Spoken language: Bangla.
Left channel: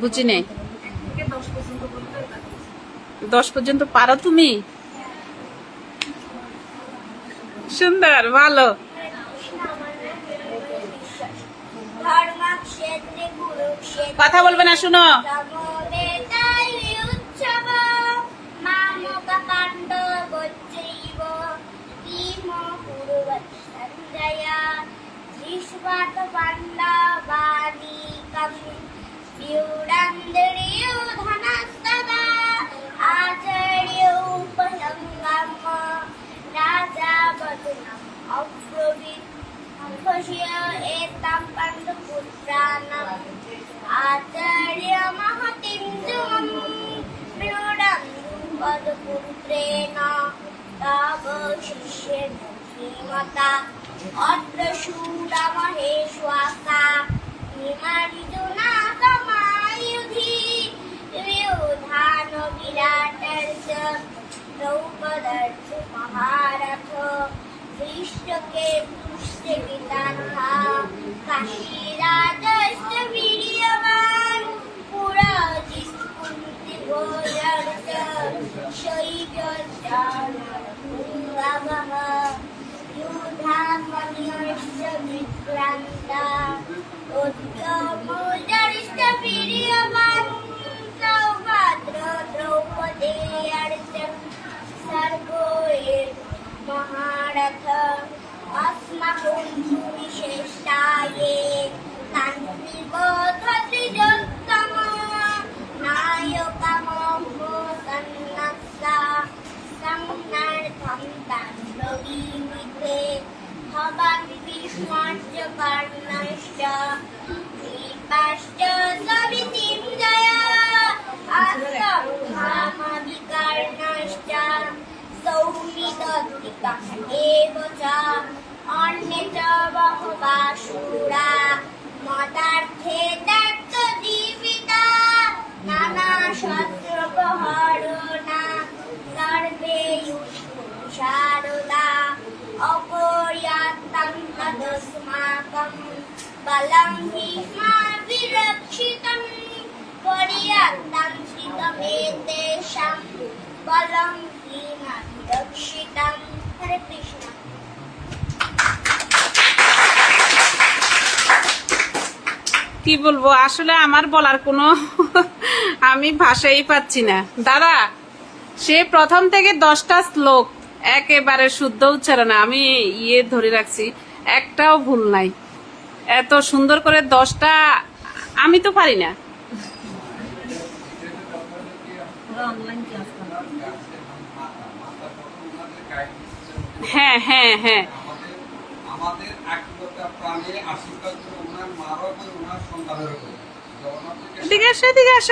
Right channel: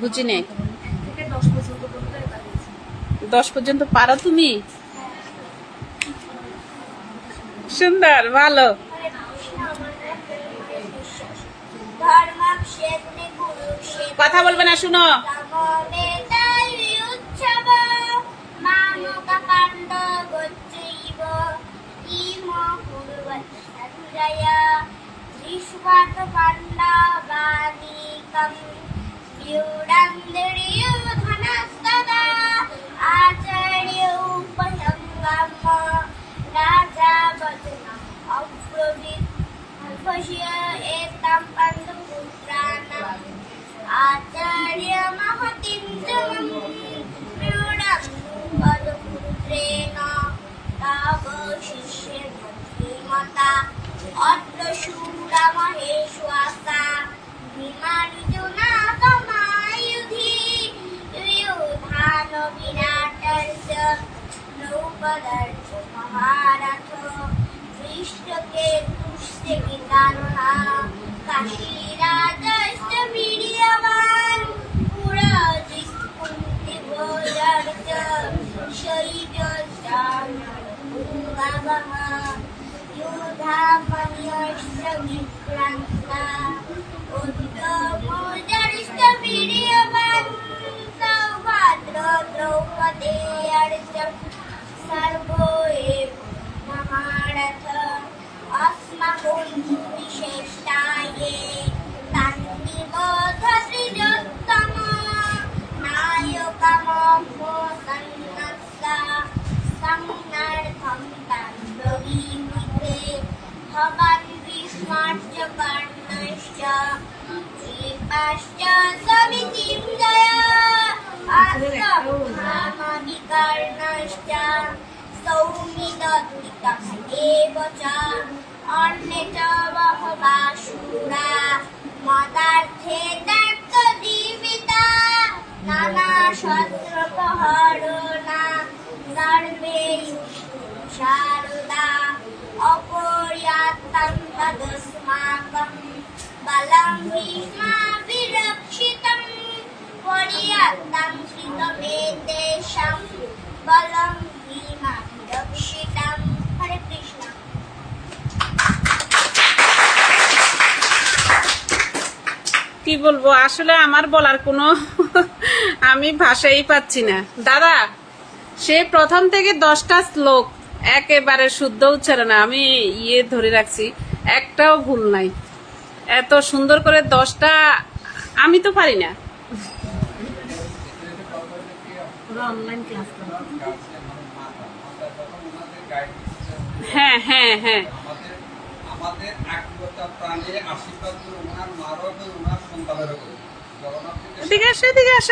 বুঝি নেই। দশ পর্যন্ত পারো। তুমি? সুন্দর ভালো। কথা বলবে না শুনো। সমবেতায় अप्रवीफशिया एतां पाण्डुपुत्राणाम् आचार्यमहतिं त्वं प्रीडं पदपुत्रेण तव शिष्येण श्रीमता अद्रशूरमहेश्वासा निमार्जुनाकमायुधि व्योधानविराटस्य দৃষ্টকে পুষতে বিতান কাশী রাজার মিডিয়ামান পুরা জিসকুন্তি ভোজার্ত শৈব জানাবাহ যুধা মনিয়স্য বিক্রান্তা অধিক মোজা भवान् भीष्माश्च कर्णश्च कृपाश्च सवितिं जय अश्वत्थामविकर्णश्च सौमिदत्तिकः एव च अन्ये च बहवाशूरा मदार्थे दर्तजीविता नानाशस्त्रप्रहरणा सर्वे शारदा अपर्यात्तं तदस्माकं बलं भीष्मा विरक्षितम् पर्यात्तं श्रितमेतेषां बलं भीमा विरक्षितं हरे कृष्ण কি বলবো আসলে আমার বলার কোনো আমি ভাষাই পাচ্ছি না দাদা সে প্রথম থেকে দশটা শ্লোক একেবারে শুদ্ধ উচ্চারণ আমি ইয়ে ধরে রাখছি একটাও ভুল নাই। এত সুন্দর করে দশটা আমি তো পারি না। ওরা অনলাইন ক্লাস করে। হ্যাঁ হ্যাঁ হ্যাঁ। আমাদের আমাদের প্রাণে আশীর্বাদ ওনার মারও ওনার সন্তানেরও করে জগন্নাথ থেকে এদিকে আসো এদিকে আসো